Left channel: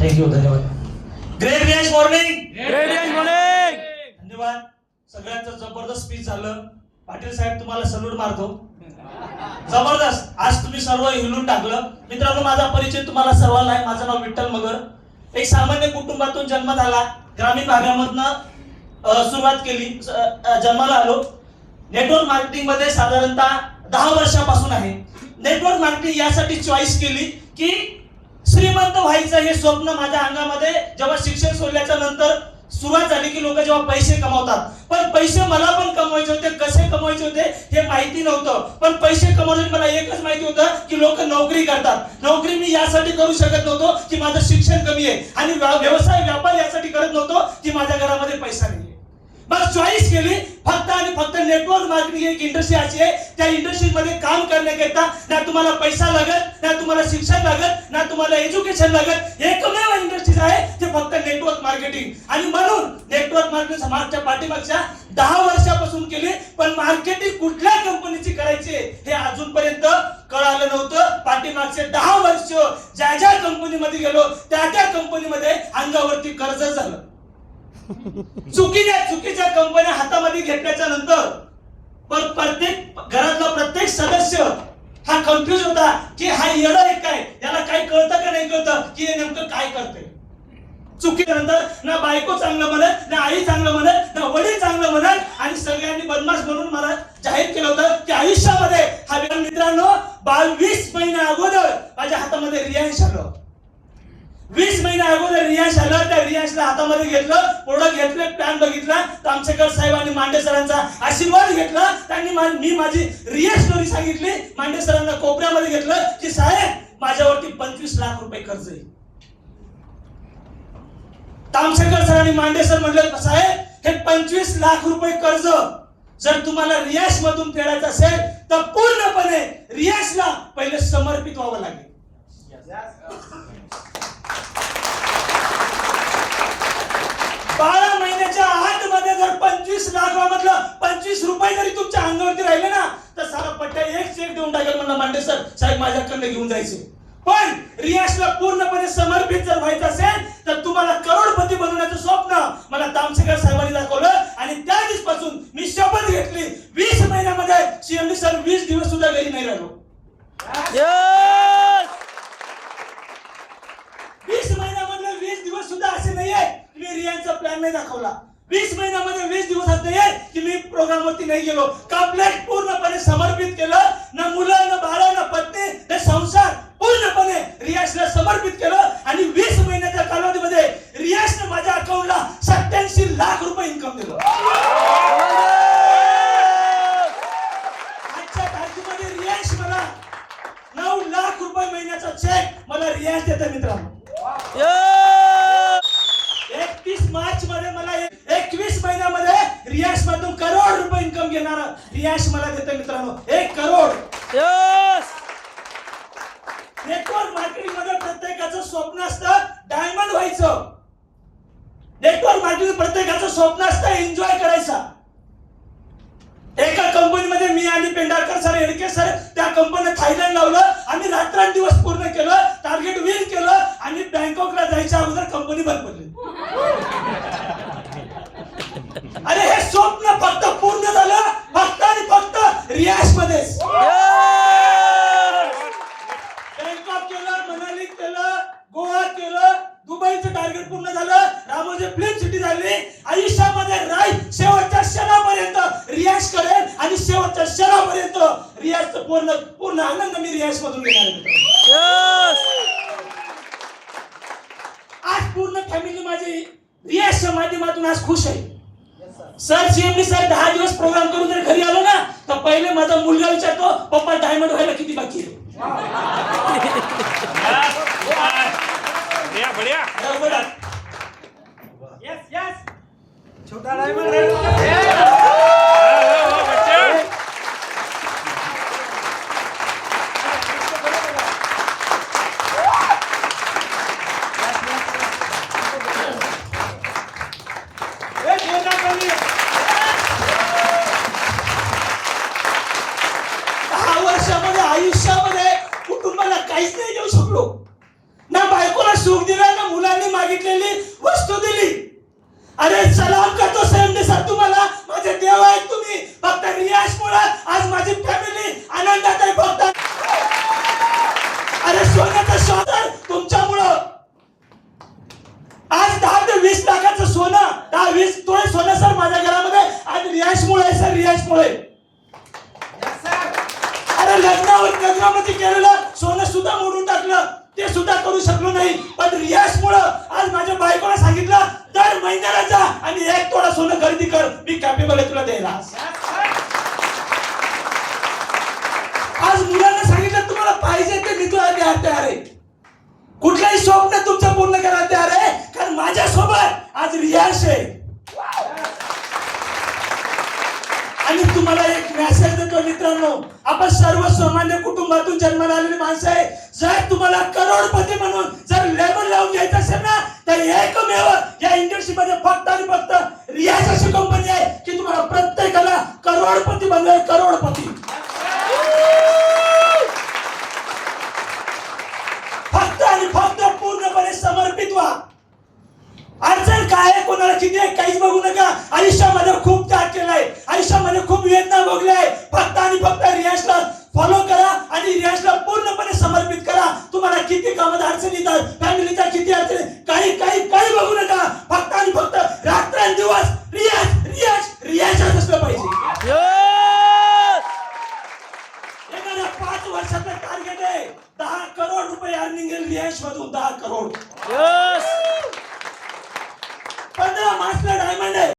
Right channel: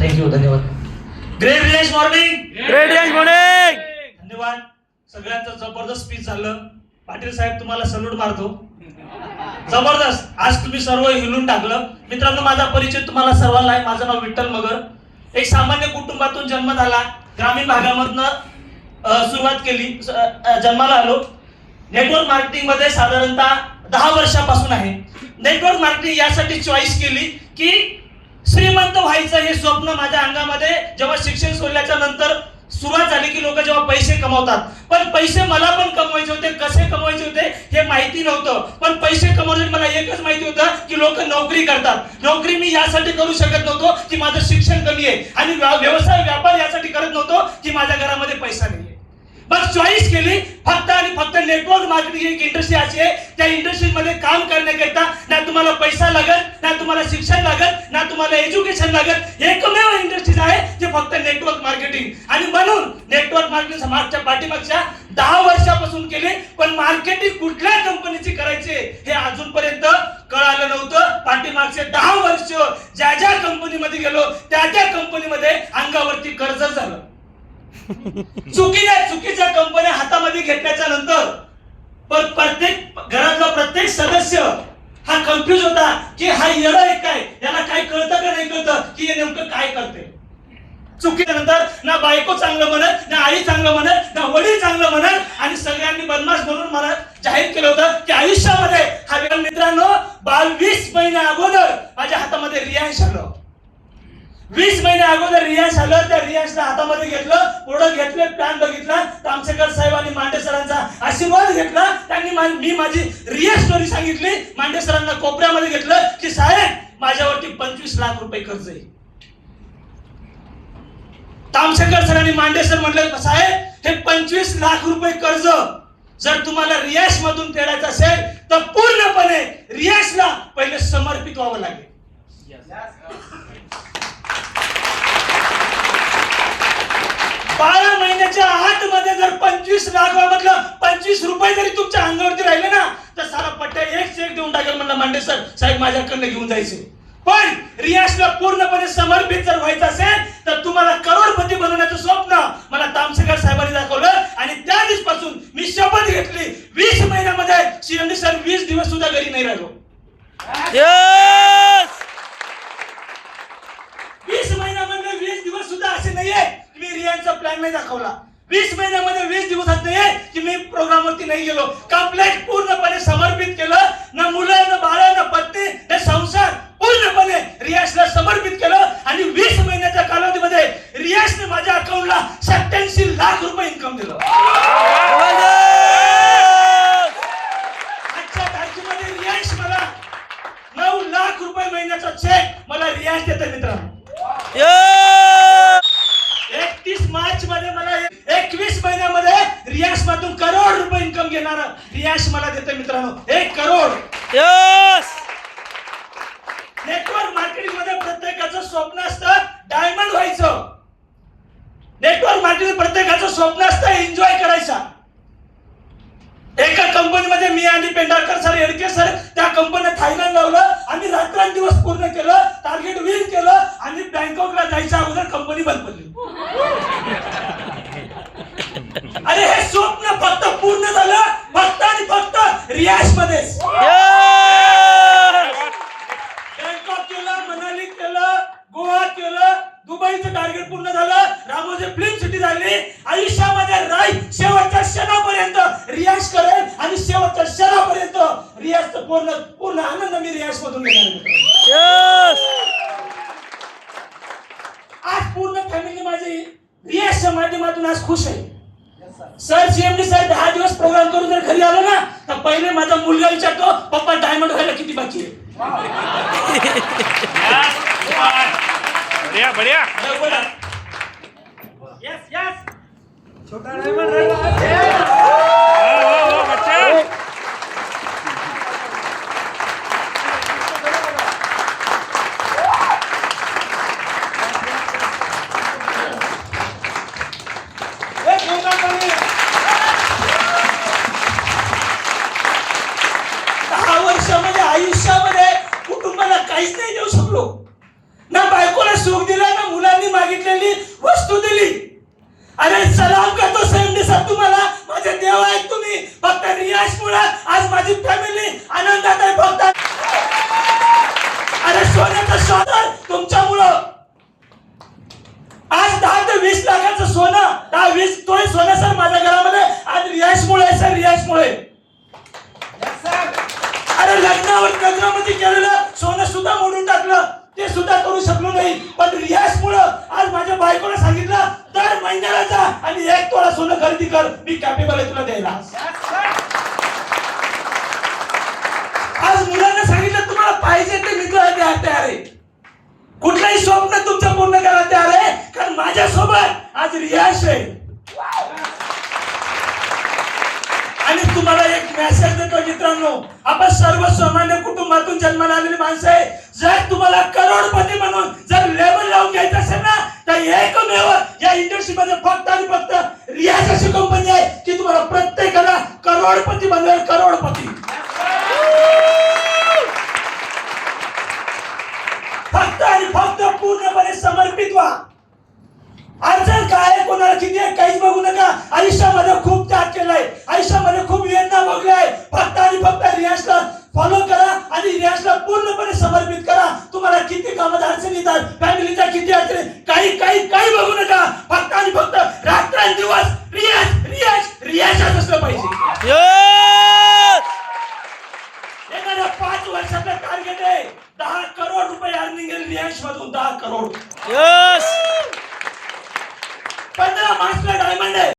Thank you, धन्यवाद. Great रियाज morning. Great रियाज मॉर्निंग. धन्यवाद. सगळ्यांचं जबरदस्त स्पीच झालं. पाटील साहेब तुम्हाला सल्यूट मारतो. जबरदस्त. आज तुम्ही सर्व हिलून टाकलं. मित्रांनो, माझा परिचय तुम्हाला सर्वांना आहे. माझं नाव विठ्ठल मगर. एक सामान्य कुटुंबातून जन्म झाला. ग्रामीण भागामधनं सुरुवात केली. जन्माला आलो. नेटवर्क मार्केटिंग मध्ये साधारणतः 10 वर्षापासून आहे. नेटवर्क मार्केटिंग यासाठी चॉईस केली की श्रीमंत व्हायचं हे स्वप्न माझ्या अंगामध्ये जेव्हा शिक्षण सोडल्याच्या नंतर सुरुवात झाली की लोक जेव्हा पैसे कमवतात, पण पैसे मला पण कमवायचे होते. कसे कमवायचे होते हे माहिती नव्हतं, पण पैसे कमवण्यासाठी मला एकच माहिती होतं की लोक नोकरी करतात. नोकरी मी यासाठी करू शकत नव्हतो की माझं शिक्षण कमी आहे, आणि व्यवसाय व्यापार यासाठी करत नव्हतो की माझ्या घरामध्ये पैसा नाही. मग चॉईस केली फक्त आणि फक्त नेटवर्क मार्केटिंग एक इंडस्ट्री अशी आहे, त्या इंडस्ट्री मध्ये काम करण्याकरता ना तुम्हाला पैसा लागत, ना तुम्हाला शिक्षण लागत, ना तुम्हाला एज्युकेशन लागत. एकमेव इंडस्ट्रीज आहे ते फक्त नेटवर्क मार्केटिंग. आणि म्हणून नेटवर्क मार्केटिंग मागच्या पाठीमागच्या 10 वर्षापासून केले, पण मार्केटिंग कुठल्या कंपनीची करायची हे अजूनपर्यंत कळालं नव्हतं. पाठीमागचे 10 वर्ष ज्या ज्या कंपनीमध्ये गेलो त्या त्या कंपनीमध्ये अंगावरती कर्ज झालं. चुकीच्या कंपन्या हातामध्ये घेतल्याच्या नंतर प्रत्येक घरातला प्रत्येक सदस्य हा कन्फ्युज होता की हा येडा आहे काय, याला काय कळतं का नाही कळतं की हे नेमकं काय करते. चुकीनंतर ना बायको चांगलं म्हणत, ना आई चांगलं म्हणत, ना वडील चांगलं म्हणत, आणि सगळ्यांनी बदमाश म्हणून मला जाहीर केलं होतं की आयुष्यामध्ये हा मित्रांनो 22 महिन्या अगोदर माझ्या हातामध्ये रियांश आलं. 20 महिन्या अगोदर रियांश आलं. त्या रियांशला हातामध्ये घेतलं, पुढं घेतले, प्लॅन बघितला, तामसेकर साहेब आणि मांडे सरांचा आशीर्वाद घेतला. त्यांनी मी माझी रिअल स्टोरी सांगितली. मांडे सरांना कोपऱ्यामध्ये घेतलं की साहेब माझ्यावरती 25 लाख रुपये कर्ज आहे. तामसेकर सर आणि मांडे सर म्हणले साहेब हे 25 लाख रुपये कर्ज जर तुम्हाला रियाश मधून फेडायचं असेल तर पूर्णपणे रियाशला पहिले समर्पित व्हावं लागेल. 12 महिन्याच्या आतमध्ये जर 25 लाखामधलं 25 रुपये जरी तुमच्या अंगावरती राहिले ना तर सारा पट्ट्या एक चेक देऊन टाकेल. म्हणला मांडे सर साहेब माझ्याकडनं घेऊन जायचे. पण रियाशला पूर्णपणे समर्पित जर व्हायचं असेल तर तुम्हाला करोडपती बनवण्याचं स्वप्न मला तामसेकर साहेबांनी दाखवलं. आणि त्या दिवसापासून मी शपथ घेतली 20 महिन्यामध्ये सीएमडी सर 20 दिवस सुद्धा घरी नाही राहिलो. 20 महिन्यामध्ये 20 दिवस सुद्धा असे नाहीये मी रियांचा प्लॅन नाही दाखवला. 20 महिन्यामध्ये 20 दिवसात नाहीये की मी प्रोग्रामवरती नाही गेलो. कंप्लीट पूर्णपणे समर्पित केलं. ना मुलं, ना बाळा, ना पत्नी, हे संसार पूर्णपणे रियाशला समर्पित केलं. आणि 20 महिन्याच्या कालावधीमध्ये रियाशने माझ्या अकाउंटला 87 लाख रुपये इन्कम दिलं. आजच्या तारखेमध्ये रियाश मला 9 लाख रुपये महिन्याचा चेक मला रियाश देते मित्रांनो. 31 मार्च मध्ये मला 21 महिन्यामध्ये रियाश मधून करोड रुपये इन्कम घेणारा रियाश मला देते मित्रांनो. 1 करोड. नेटवर्क मार्केटिंग मध्ये प्रत्येकाचं स्वप्न असतं डायमंड व्हायचं. नेटवर्क मार्केटिंग प्रत्येकाचं स्वप्न असतं एन्जॉय करायचा. एका कंपनीमध्ये मी आणि पेंढारकर सर, येडके सर त्या कंपनीत थायलंड लावलं. आम्ही रात्रंदिवस पूर्ण केलं, टार्गेट विन केलं, आणि बँकॉकला जायच्या अगोदर कंपनी बंद पडली. अरे हे स्वप्न फक्त पूर्ण झालं फक्त आणि फक्त रियाश मध्ये. बँकॉक केलं, मनाली केलं, गोवा केलं, दुबईचं टार्गेट पूर्ण झालं, रामोजी फिल्म सिटी झाली. आयुष्यामध्ये शेवटच्या क्षणापर्यंत रियाज करेल आणि शेवटच्या क्षणापर्यंत रियाजचा पूर्ण आनंद मी रियाज मधून घेणार. आज पूर्ण फॅमिली माझी रियाजच्या माध्यमातून आज खुश आहे. सर सीएमडी सर 10 दिवस प्रोग्राम करून जर घरी आलो ना तर पहिले माझा मुलगा विचारतो पप्पा डायमंड व्हायला किती बाकी आहे. बढ़िया बढ़िया. यस यस छोटा डायमंड रहेगा. आयुष्यामध्ये कुटुंबाला काहीच नाही देऊ शकलो. ना बायकोला सुख दिलं, ना मुलाला मागितलेली वस्तू दिली. अरे सलाम करतो संयमने साहेब तुम्हाला, माझे देव आहेत तुम्ही. फक्त रियाजमुळे आज माझी फॅमिली आनंदात आहे. फक्त अरे सोन्याचं शोधन तुमच्यामुळं. आज 10 ते 20 लाखाचं सोनं, 10-20 तोळे सोनं सर माझ्या घरामध्ये आज रियाजमुळे आहे सर, रियाजमुळे. अरे लग्नावर लग्नामध्ये केलेलं सोनं सुद्धा मोडून टाकलं, ते सुद्धा करू शकलो नाही. पण रियाजमुळे आज माझ्या बायकोला सांगितलं दर महिन्याला जा आणि 1 तोळा सोनं खरेदी कर, मी कॅपेबल आहे तुला द्यायला. आज मुलांना सांगितलं तुम्हाला पाहिजे ते मी तुला द्यायला तयार आहे. कुठलंही स्वप्न तुमचं पूर्ण करायला तयार आहे, कारण माझ्यासोबत आज रियाज आहे. आणि तुम्हाला एक मेसेज देतो मित्रांनो, आपण सर्वसामान्य कुटुंबातून जन्माला आलेली माणसं आहे. जर तुम्हाला करोडपती म्हणून जर लेबल लावून घ्यायचं असेल ना, तर एकमेव या इंडस्ट्रीमध्ये फक्त आणि फक्त रियाज अशी कंपनी आहे की तुम्हाला प्रत्येकाला करोडपती बनवेल, करोडपती. फक्त आणि फक्त पूर्णपणे समर्पित व्हा. अडचण काय, कोणाला किती आहे काहीच बघू नका. आणि